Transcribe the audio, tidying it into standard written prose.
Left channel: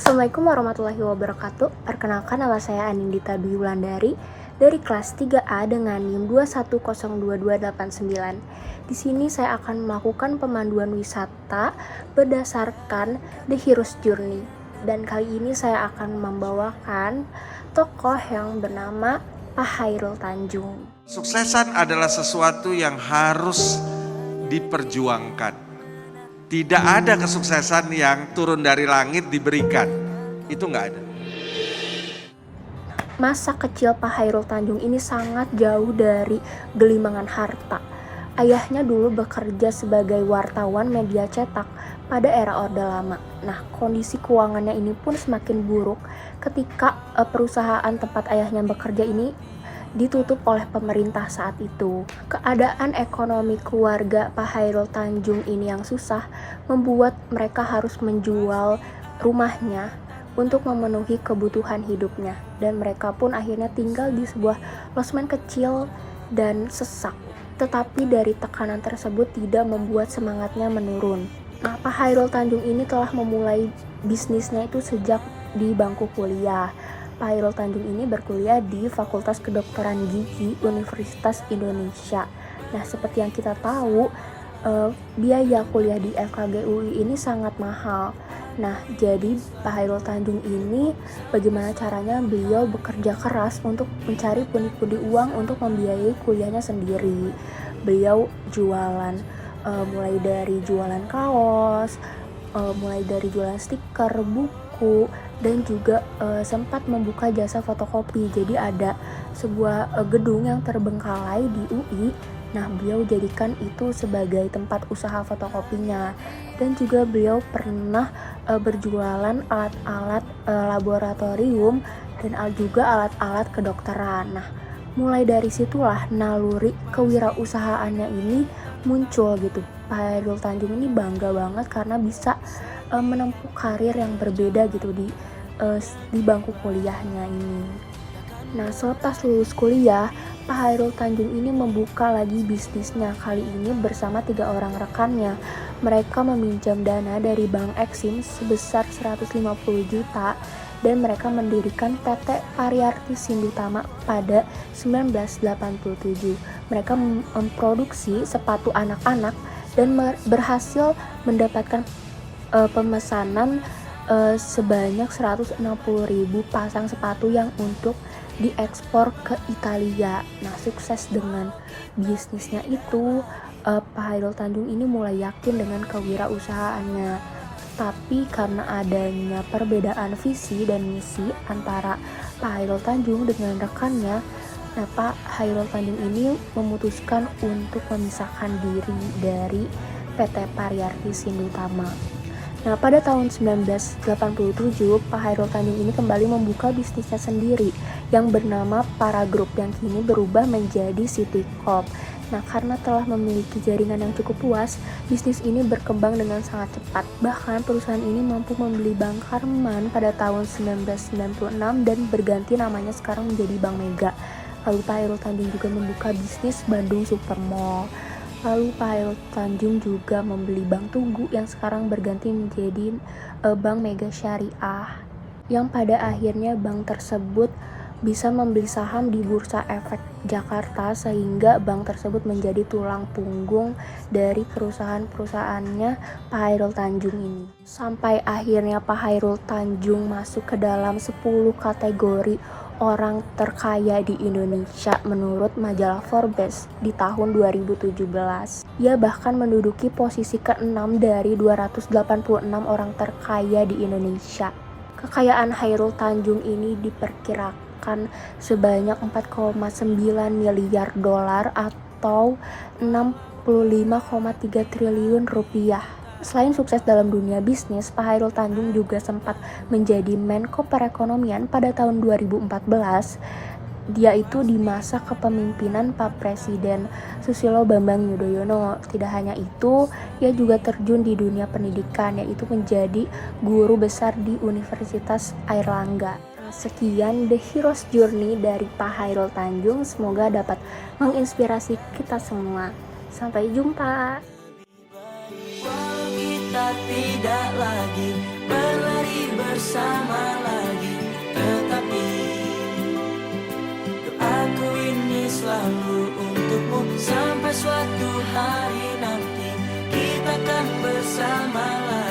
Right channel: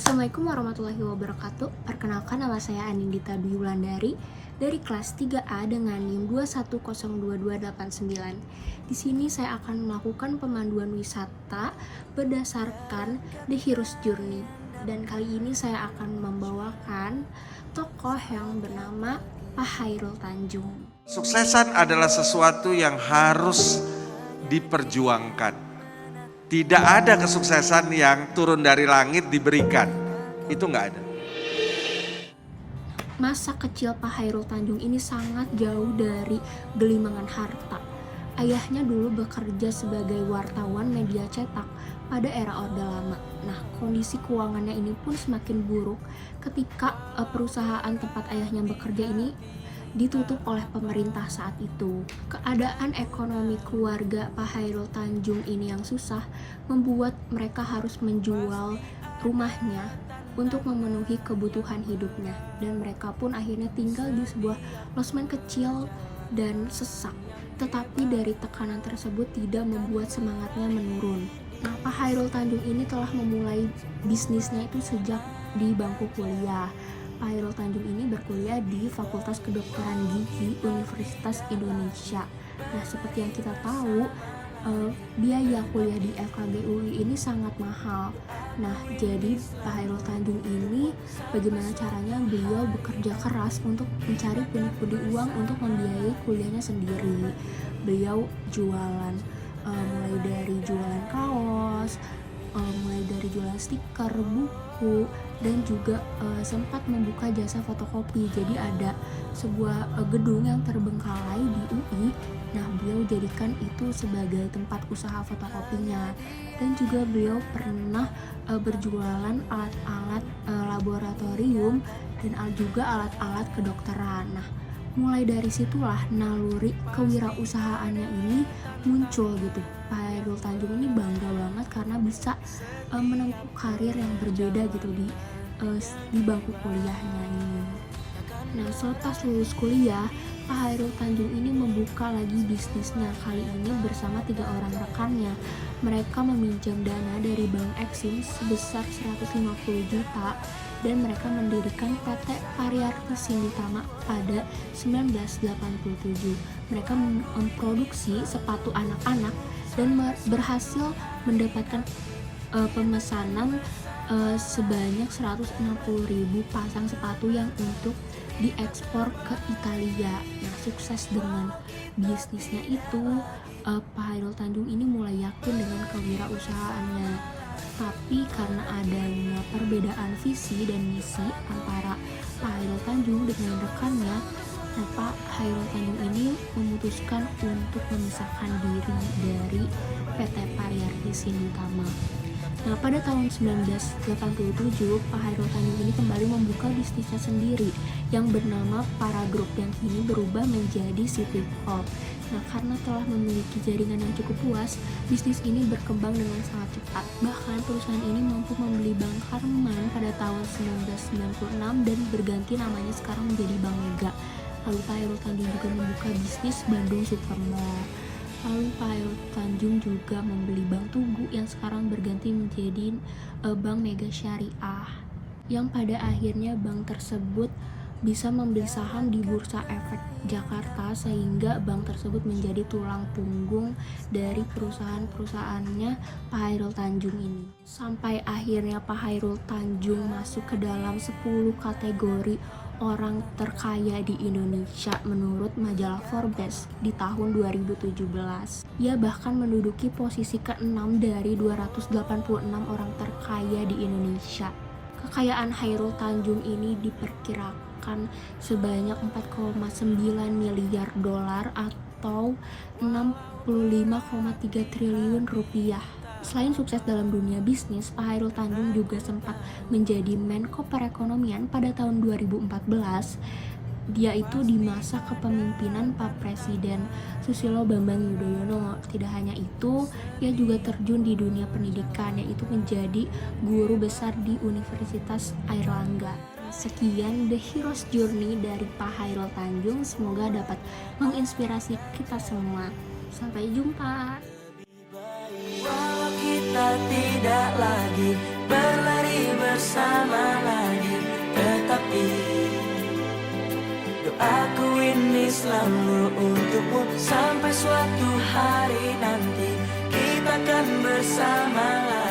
Assalamualaikum warahmatullahi wabarakatuh. Perkenalkan, nama saya Anindita Dwi Wulandari dari kelas 3A dengan NIM 2102289. Di sini saya akan melakukan pemanduan wisata berdasarkan The Hero's Journey. Dan kali ini saya akan membawakan tokoh yang bernama Pak Chairul Tanjung. Suksesan adalah sesuatu yang harus diperjuangkan. Tidak ada kesuksesan yang turun dari langit diberikan. Itu nggak ada. Masa kecil Pak Chairul Tanjung ini sangat jauh dari gelimangan harta. Ayahnya dulu bekerja sebagai wartawan media cetak pada era Orde Lama. Nah, kondisi keuangannya ini pun semakin buruk ketika perusahaan tempat ayahnya bekerja ini ditutup oleh pemerintah saat itu. Keadaan ekonomi keluarga Pak Chairul Tanjung ini yang susah membuat mereka harus menjual rumahnya untuk memenuhi kebutuhan hidupnya, dan mereka pun akhirnya tinggal di sebuah losmen kecil dan sesak. Tetapi dari tekanan tersebut tidak membuat semangatnya menurun. Nah, Pak Chairul Tanjung ini telah memulai bisnisnya itu sejak di bangku kuliah. Pak Chairul Tanjung ini berkuliah di Fakultas Kedokteran Gigi Universitas Indonesia. Nah, seperti yang kita tahu, biaya kuliah di FKG UI ini sangat mahal. Nah, jadi Pak Chairul Tanjung ini bagaimana caranya beliau bekerja keras untuk mencari pundi-pundi uang untuk membiayai kuliahnya sendiri. Beliau jualan, mulai dari jualan kaos, mulai dari jualan stiker, buku, dan juga sempat membuka jasa fotokopi. Jadi ada sebuah gedung yang terbengkalai di UI. Nah, beliau jadikan itu sebagai tempat usaha fotokopinya. Dan juga beliau pernah berjualan alat-alat laboratorium dan juga alat-alat kedokteran. Nah, mulai dari situlah naluri kewirausahaannya ini muncul gitu. Pak Chairul Tanjung ini bangga banget karena bisa menempuh karir yang berbeda gitu di bangku kuliahnya ini. Nah, selepas lulus kuliah, Pak Chairul Tanjung ini membuka lagi bisnisnya, kali ini bersama 3 orang rekannya. Mereka meminjam dana dari Bank Eksim sebesar 150 juta dan mereka mendirikan PT Pariarti Sindutama pada 1987. Mereka memproduksi sepatu anak-anak dan berhasil mendapatkan pemesanan sebanyak 160.000 pasang sepatu yang untuk diekspor ke Italia. Nah, sukses dengan bisnisnya itu, Pak Chairul Tanjung ini mulai yakin dengan kewirausahaannya. Tapi karena adanya perbedaan visi dan misi antara Pak Chairul Tanjung dengan rekannya, nah, Pak Chairul Tanjung ini memutuskan untuk memisahkan diri dari PT Pariarti Sindutama. Nah, pada tahun 1987, Pak Chairul Tanjung ini kembali membuka bisnisnya sendiri yang bernama Para Group yang kini berubah menjadi City Corp. Nah, karena telah memiliki jaringan yang cukup luas, bisnis ini berkembang dengan sangat cepat. Bahkan perusahaan ini mampu membeli Bank Karman pada tahun 1996 dan berganti namanya sekarang menjadi Bank Mega. Lalu Pak Chairul Tanjung juga membuka bisnis Bandung Supermall. Lalu Pak Chairul Tanjung juga membeli Bank Tugu yang sekarang berganti menjadi Bank Mega Syariah, yang pada akhirnya bank tersebut bisa membeli saham di Bursa Efek Jakarta, sehingga bank tersebut menjadi tulang punggung dari perusahaan-perusahaannya Pak Chairul Tanjung ini. Sampai akhirnya Pak Chairul Tanjung masuk ke dalam 10 kategori orang terkaya di Indonesia menurut majalah Forbes di tahun 2017. Ia bahkan menduduki posisi ke-6 dari 286 orang terkaya di Indonesia. Kekayaan Chairul Tanjung ini diperkirakan sebanyak 4,9 miliar dolar atau 65,3 triliun rupiah. Selain sukses dalam dunia bisnis, Pak Chairul Tanjung juga sempat menjadi Menko Perekonomian pada tahun 2014. Dia itu di masa kepemimpinan Pak Presiden Susilo Bambang Yudhoyono. Tidak hanya itu, ia juga terjun di dunia pendidikan, yaitu menjadi guru besar di Universitas Airlangga. Sekian The Hero's Journey dari Pak Chairul Tanjung. Semoga dapat menginspirasi kita semua. Sampai jumpa. Walau kita tidak lagi berlari bersama. Aku ini selalu untukmu sampai suatu hari nanti kita akan bersama lagi.